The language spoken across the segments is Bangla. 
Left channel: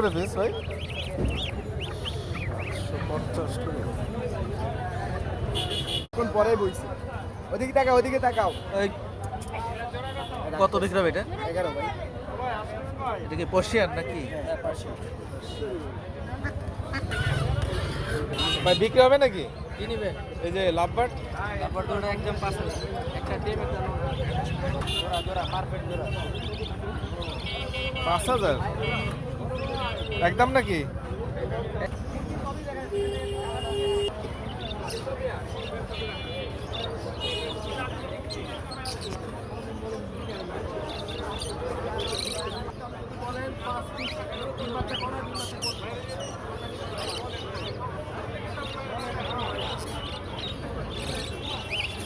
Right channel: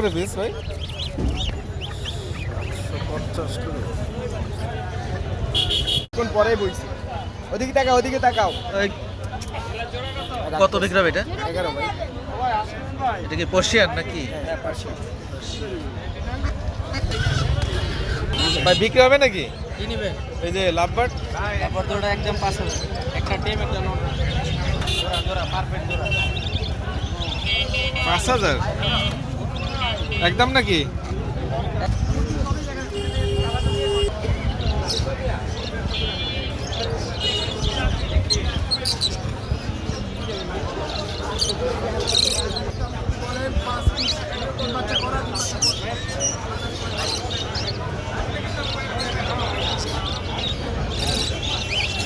করে পিস ভাই? 750 করে। কোন পরে বইছি। ওদিকে তাকাও, ওদিকে তাকাও। কত বিক্রি হবে এটা? 11 ভাই। এটা কি পার্সিয়ান নাকি? হ্যাঁ, পাঁচশো। ভাই বিক্রি হবে নাকি? কি নেবেন? এই যে লাভবার্ড তারপর তো ওটা একদম 500। একটা টিম একটা নোট। জোড়া জোড়া পারফেক্ট জোড়া। 5000 একদম নাকি?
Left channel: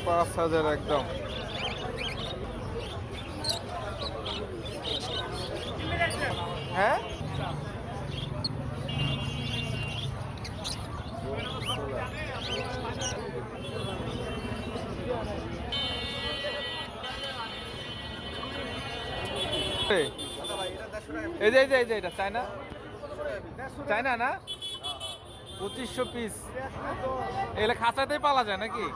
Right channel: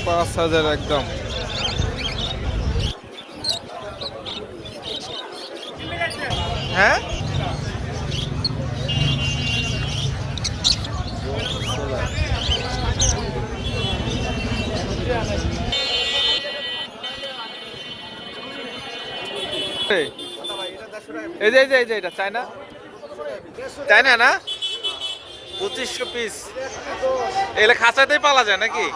পাঁচ হাজার একদম। হ্যাঁ এই যে এটা চায়না চায়না না 2500 পিস এগুলো খাঁচাতেই পালা যায় নাকি?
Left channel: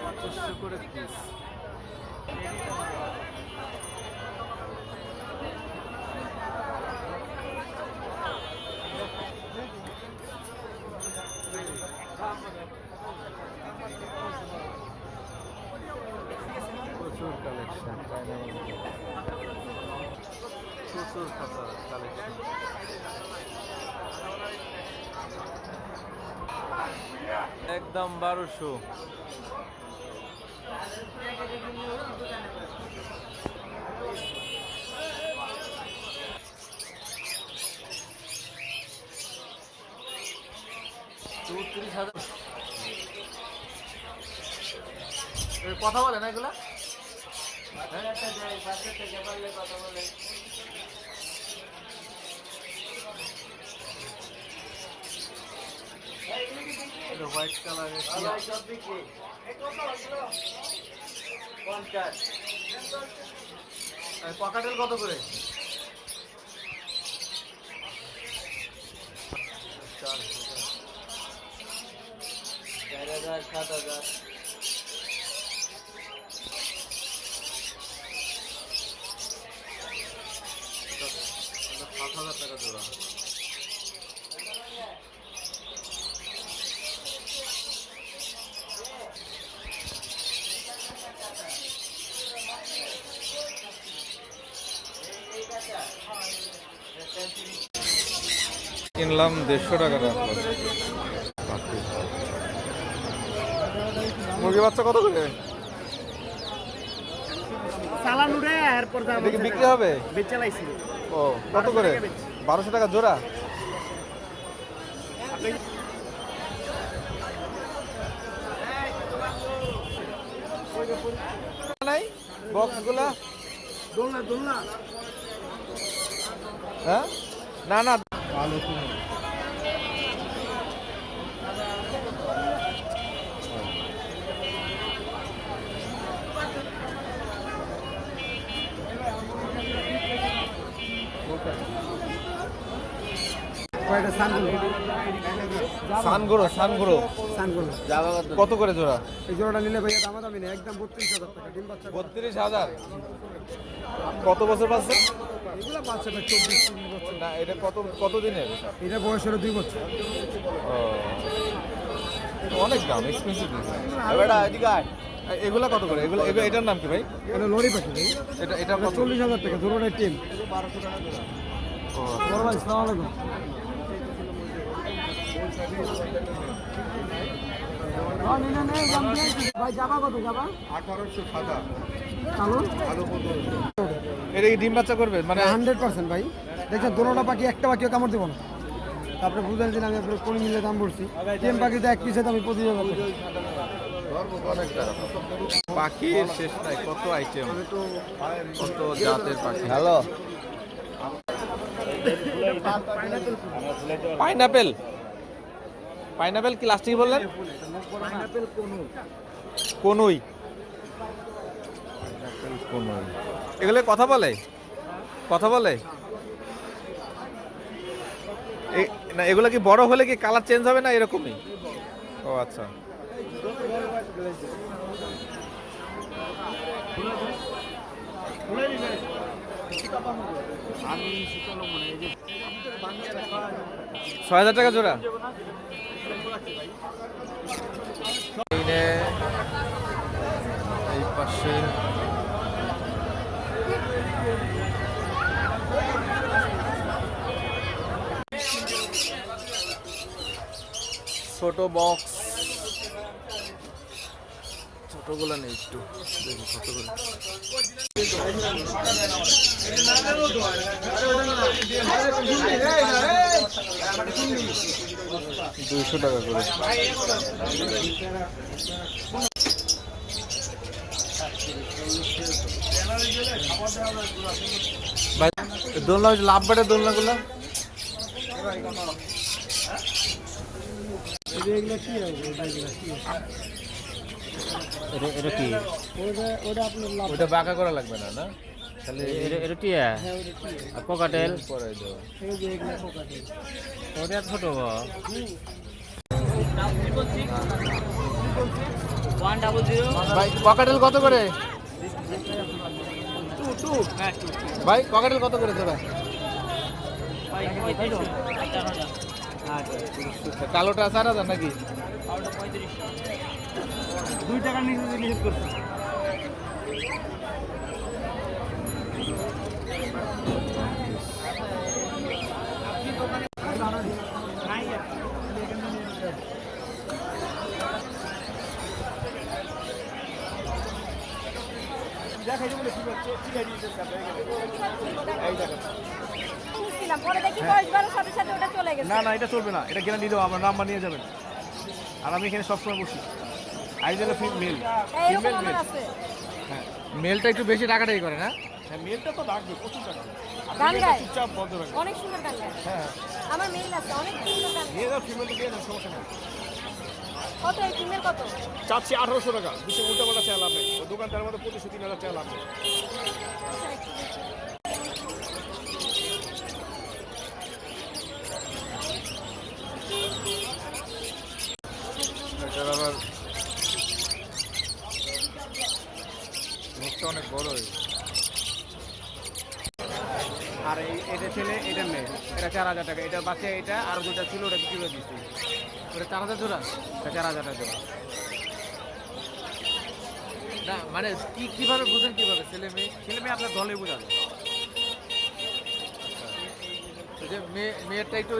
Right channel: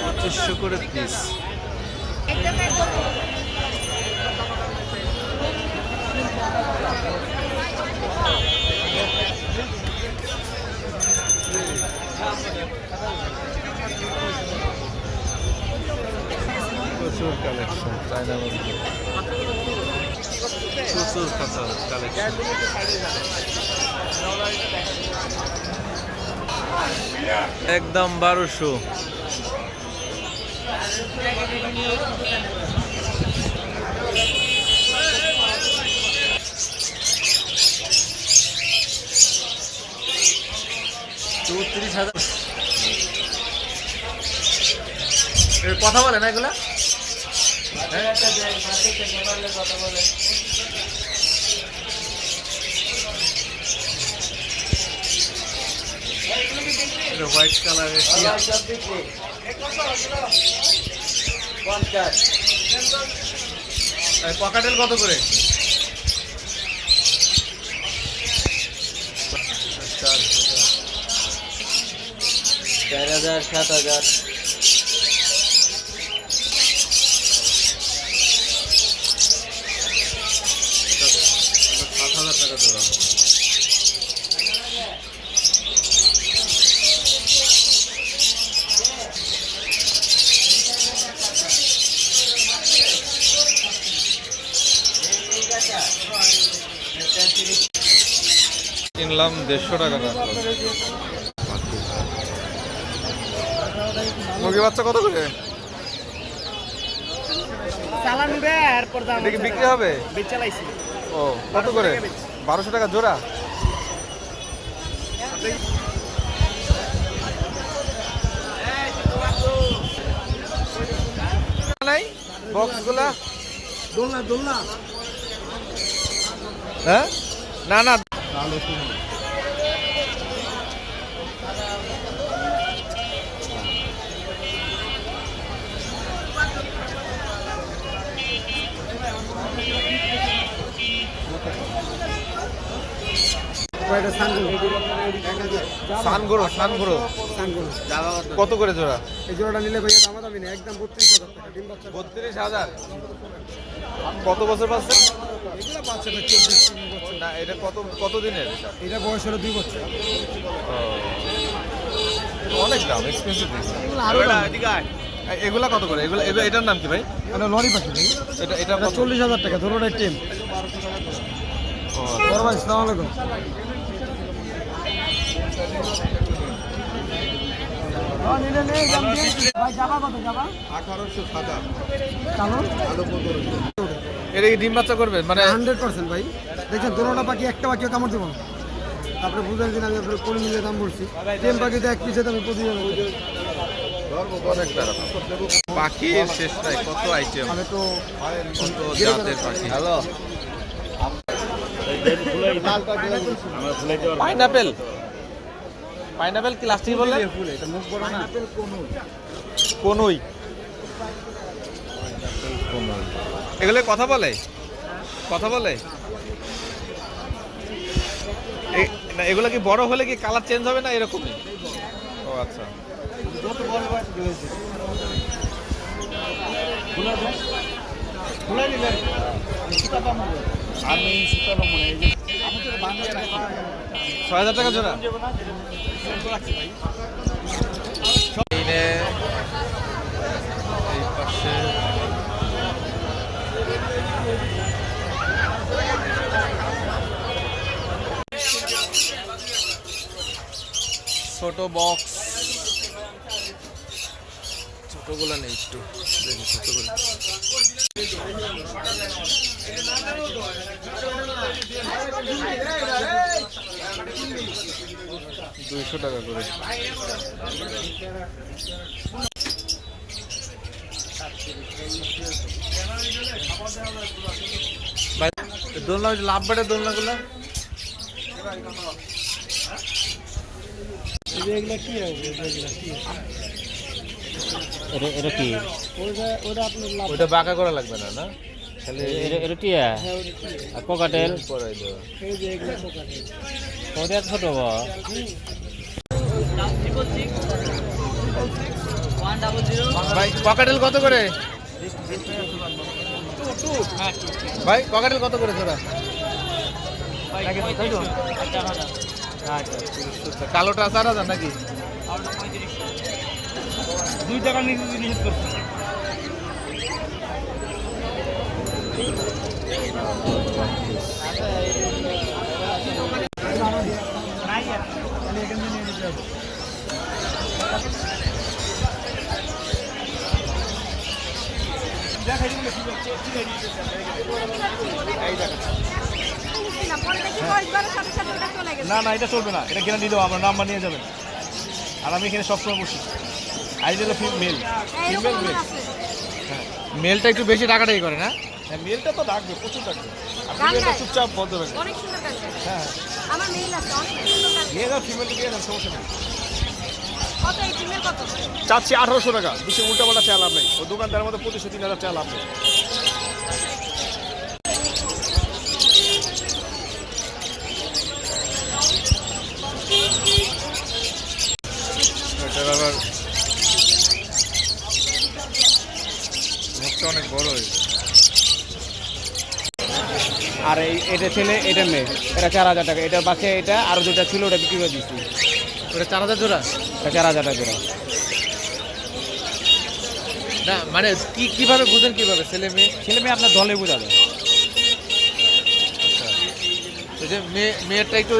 পঁচিশশো করে পিস। প্রচুর কালেকশন চায়না মধ্যে, প্রচুর খাঁচা কালেকশন। একদম 1200। কথা বলে না এগুলা? হোয়াইট কালারের পকাটেল কত করে? 4000 7000। 7000 টাকা জোড়া। কিনলাম 150 টাকা রাখলাম। মুরগি বাচ্চা কত করে? এটা কি বিক্রি হবে? ও কত করে? 1200 টাকা জোড়া। নাই বক্সগুলা দোলনা হ্যাঁ না না সানগুরো কত করে জোড়া? এই জোড়াটা নিলে ভাইয়া দামাদামি নেই, একদম 32000 টাকা। ডিম বাচ্চা 32,000। কত বছর পাচ্ছে? এগুলো বাচ্চাটা 24 বছর। না এটা কত দিনের এটা? এটা বয়স হলো 2 বছর। ও অনেক দাম, এক্সপেন্সিভ। এগুলা কত করে? এটার নাম কি ভাই? এটা লরি পাখি ভাই। এটা 40,000 টাকা জোড়াটার টিম। বড় ভাই আসসালামু আলাইকুম। ভাই যাবা কত যাবা? 1807। চালু আলো 1500। এটা কি ডিম বাচ্চা করবে মানে? 100% ভাই। দেখছেন দোনোটা পাখি একটা পাখিও কামড় দেবো না। আপনি বুঝলেন কিনা, আমি আপনার কোন মিলিয়ে দাম বলছি। টেম পাখিতে এক পিসে আমি 25,000। অনেক টাকা পাখির শেষ নাই, কত আইটেম, কত জাতের পাখি। পাইনাপেল কি লাস্টিং বললেন? কনুই। পাইনাপেল কনুই। এগুলো কথা বলে? কথা বলে? না এগুলো কি বড় হলে কি কালার চেঞ্জ হবে না এরকমই? ও আচ্ছা। আমি ৬,০০০ টাকা জোড়া। এই পাশে ছোট বক্স, ছোটগুলো নেই, একটু দেখি ছোটগুলো। 200 টাকা করে। ভাই দোলনা, লাভ বাটে দোলনাগুলো এগুলো কি হবে? এটা কি? ওটা আপনার লাভ। ওটা বাঁকা করা লাগবে না, না খালি এটা টিয়া আর পকাটেল পরাই দেওয়া। এই যে এগুলো পোকাতে। ওটা ছোট ভাই ককাটেল কত করে? ভাই ককাটেল কত করে জোড়া? কালোটা 4,000 নাকি? 2 টাকা নিষেধ করছে। না না এটা চলবে না, এটা গ্যারান্টি দেবো আমরা, নাম্বার নিয়ে যাবেন। আর আমি এখানে সবসময় বসি। Ideal male, female male. হ্যাঁ মেলটা একটু বেশি টাকাটাই করে না? হ্যাঁ মেলটা তো ডাকবে, প্রচুর ডাকবে। আর ফিমেলটা চুপচাপ বন্ধ রাখবে। অনেক সুন্দর কাছে হ্যাঁ আমার মেল আছে অনেক সুন্দর কাছে মেল আর ফিমেলটা দিয়ে না, সমস্যা নেই। কত এই ফিমেল কত চাচ্ছি 1800 টাকা, বেশি উল্টাপাল্টা চা লাভ নেই। ও দোকানদারের মধ্যে 2500-3000 চা লাভ নেই। এটার আবার মুখটা অনেক বড় হয়েছে। আর এটা ছেলে, এটা মেয়ে, এটা 4000 টাকা। এটা বাচ্চা, এটা আরো যেটা ছিল ওটা বিক্রি করে দিচ্ছি। ওটা 4,000 জোড়া? এটা 4000 টাকা জোড়া। না মানে কিভাবে বুঝেন, কিভাবে ছেলে মেয়ে? ছেলে মেয়ে আপনার দলে বোঝাবে। আচ্ছা ওই যে মেয়েরটা একটু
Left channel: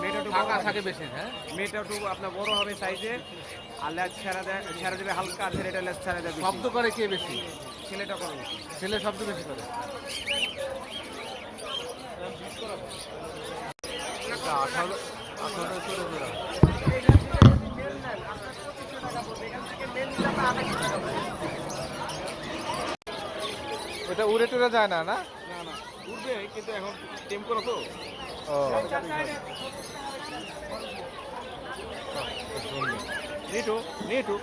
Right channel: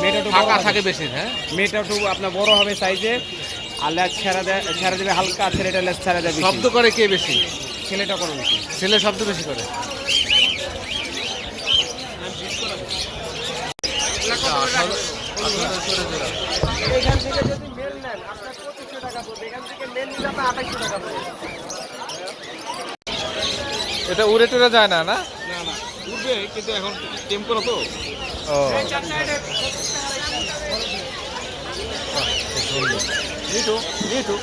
মেয়েটা একটু ফাঁকা বড় হবে। থাকে বেশি, হ্যাঁ? মেয়েটা একটু আপনার বড় হবে সাইজে, আর লেজ ছেড়া দেবে হালকা, ছেলেটা লেজ ছেড়া দেবে বেশি। শব্দ করে কে বেশি? ছেলেটা করে বেশি। ছেলে শব্দ বেশি করে। 18,000 করে জোড়া। এটা উড়ে টুরে যায় না, না? না না উঠবে, কিন্তু এখন টেম করো তো। ও সুন্দর। নিটু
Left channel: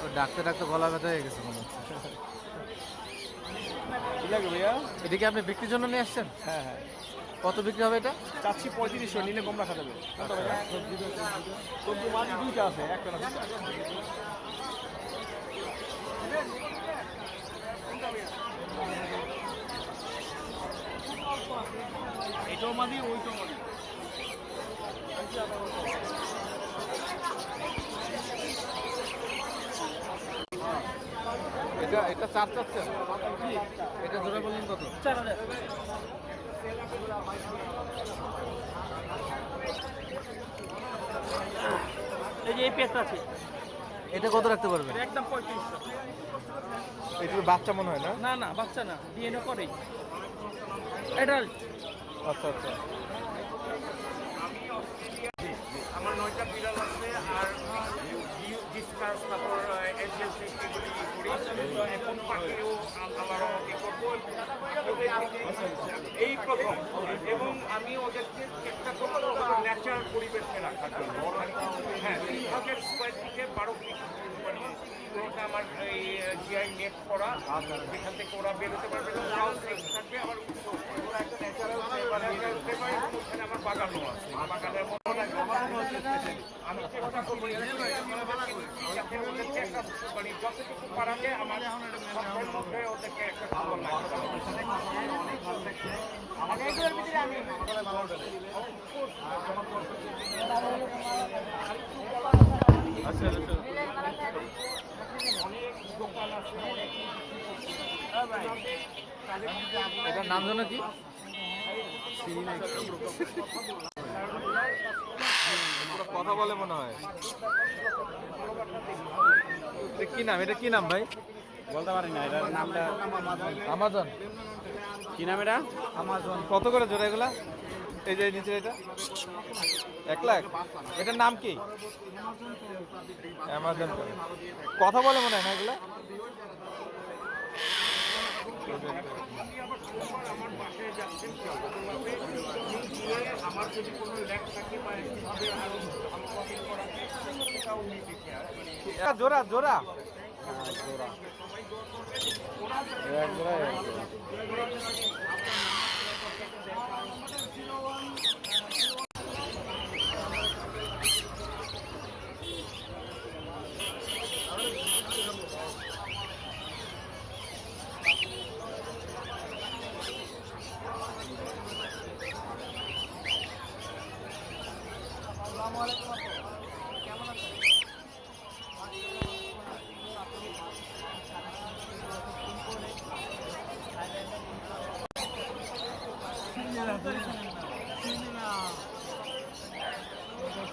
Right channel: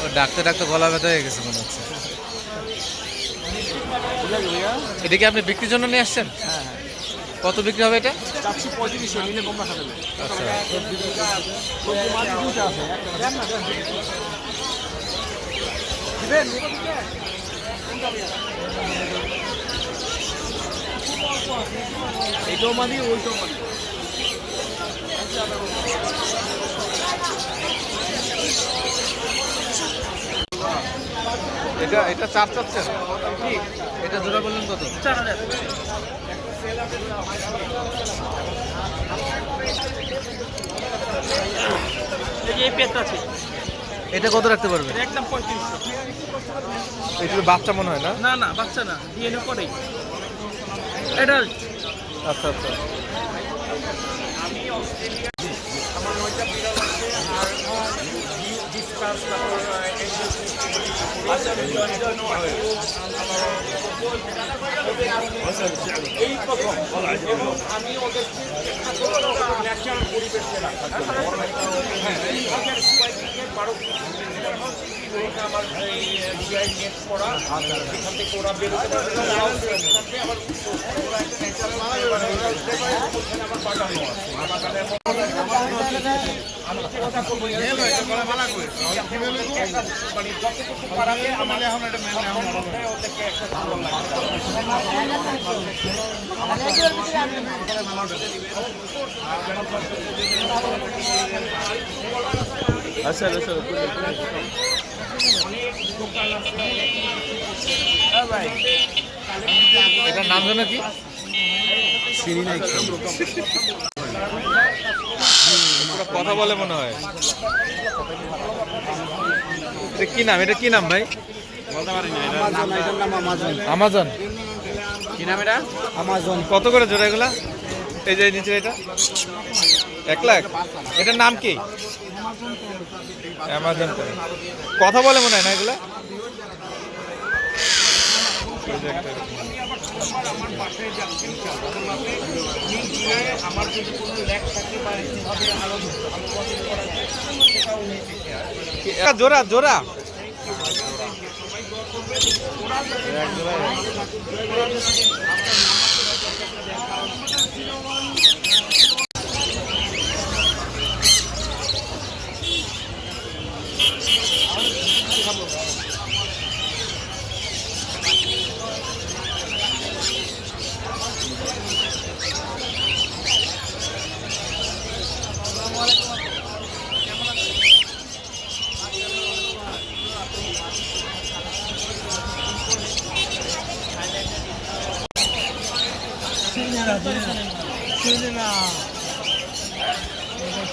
ও ডাকতে ডাকতে গলা ব্যথা হয়ে গেছে মনে হচ্ছে। এটা কি আপনি বিক্রির জন্য নিয়ে আসছেন? হ্যাঁ হ্যাঁ কত বিক্রি হবে এটা? চাচ্ছি 3500, নিলে কম রাখা যাবে। আচ্ছা মাঝে দুইটা আছে, এইটাও মাদি, ওইটাও মাদি। এটা 4 চাচ্ছেন? এটা জোড়া বললেন কত? 4000। এই যে এই পেটটা আছে, এটা কত রাখতে পারবেন? একদম 3500। এটা বাচ্চা মনে হয় না? না না বাচ্চা না, ডিএনএ করে অ্যাডাল্ট। আচ্ছা আচ্ছা আমার 9টা বিড়াল আছে, আর ডিসকাস, তারপর এই প্রথম, এবং আমি ওদেরকে চেষ্টা করবো ন্যাচারাল পরিবেশে রাখার জন্য। হ্যাঁ 2000 স্কোয়ার ফিটের 12 আমার জিআই নেট করা এখান থেকে ওরা বেরোতে পারবে না, ওরাও সেফ থাকবে। আবার ওরা একটা ন্যাচারাল ওখানে আমার বাগানও আছে, বাগানের আমি চেষ্টা করবো মানে যতটুকু পারালে আমার মধ্যে ওদেরকে একটা ভালো আচ্ছা আচ্ছা এটার নাম জানো কি? পুরো কথা বলে মনে হয়। এটা কি নাম? এটা কি নাম ভাই? আমাজন। কি নাম এটা? আমাজন। কত করে জোড়া এগুলা? এই যে নিচে এটা 1 লাখ। এটার নাম কি? অ্যামাজন। কথা বলে মনে হয় না এগুলা? আমার যদি কোনো ল্যাক থাকে বা এভাবে আরো করা যায় সেটাও জোড়া জোড়া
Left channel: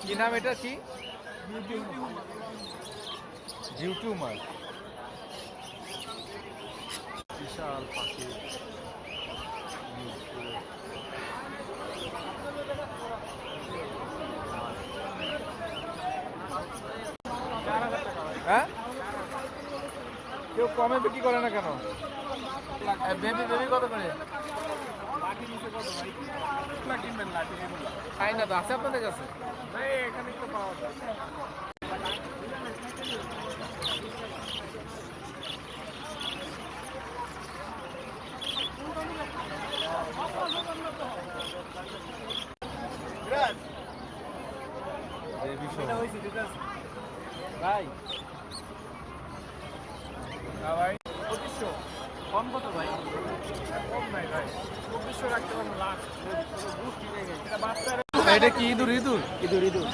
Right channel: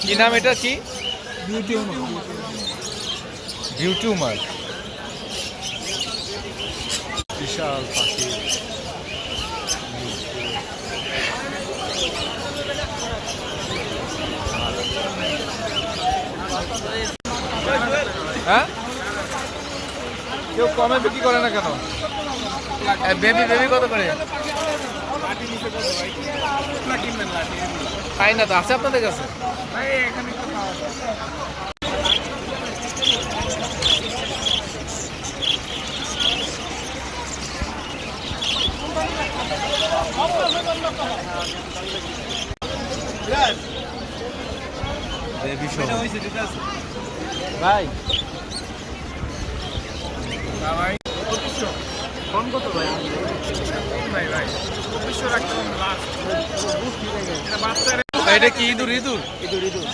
কি নাম এটা? কি বিউটিউমার। বিশাল পাখি। হ্যাঁ, কেউ কমে বিক্রি করে না কেন? বেবি বেবি কত করে? তাই না তো, আছে আপনাদের কাছে? ভাই এটা কি ইঁদুর? ইঁদুর ইঁদুর ইঁদুর।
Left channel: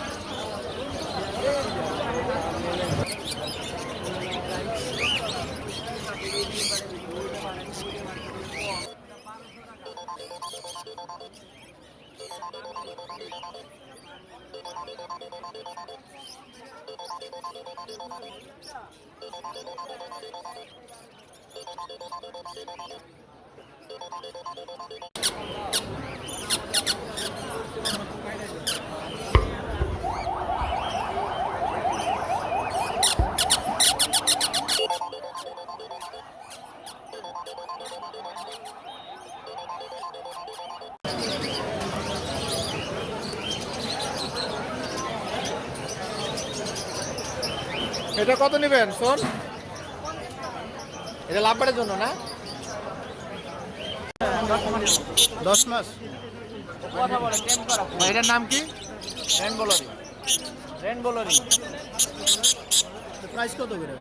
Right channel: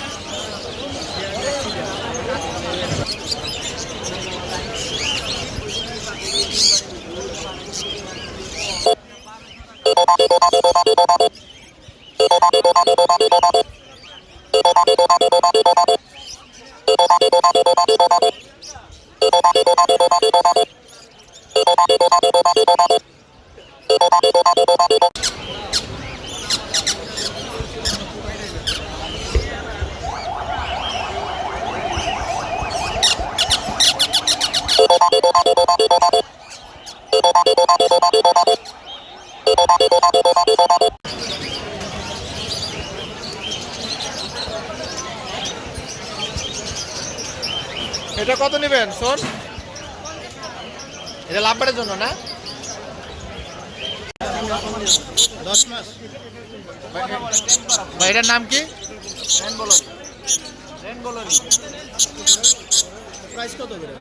এটা কত নেবেন শোন? এটা লাভবারের জন্য না? 10 মাস। ভাই এটার নাম কি? প্রাইস কত করে?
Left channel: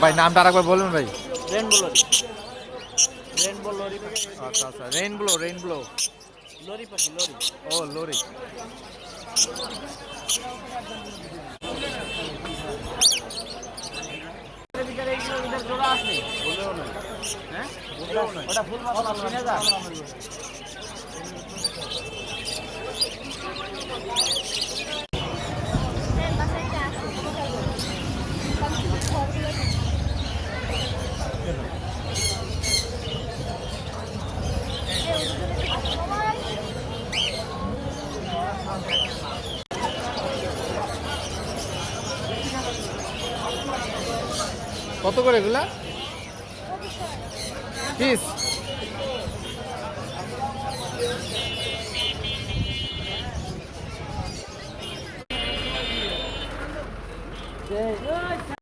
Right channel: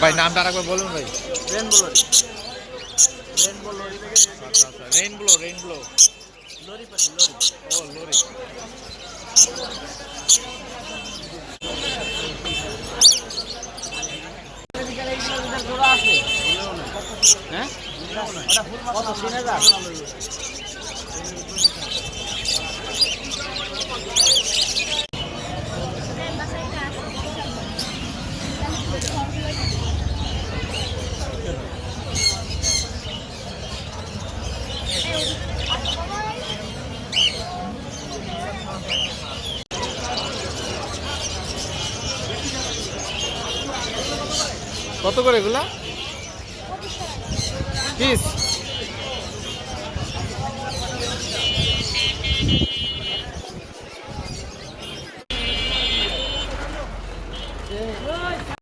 ভাই নামটা আরেকবার বলুন ভাই। আচ্ছা আচ্ছা, রেইনব্লো। লরি পাখি, লরি। ও লরি। হ্যাঁ কত? 3000। কত করে এগুলা পিস? আছে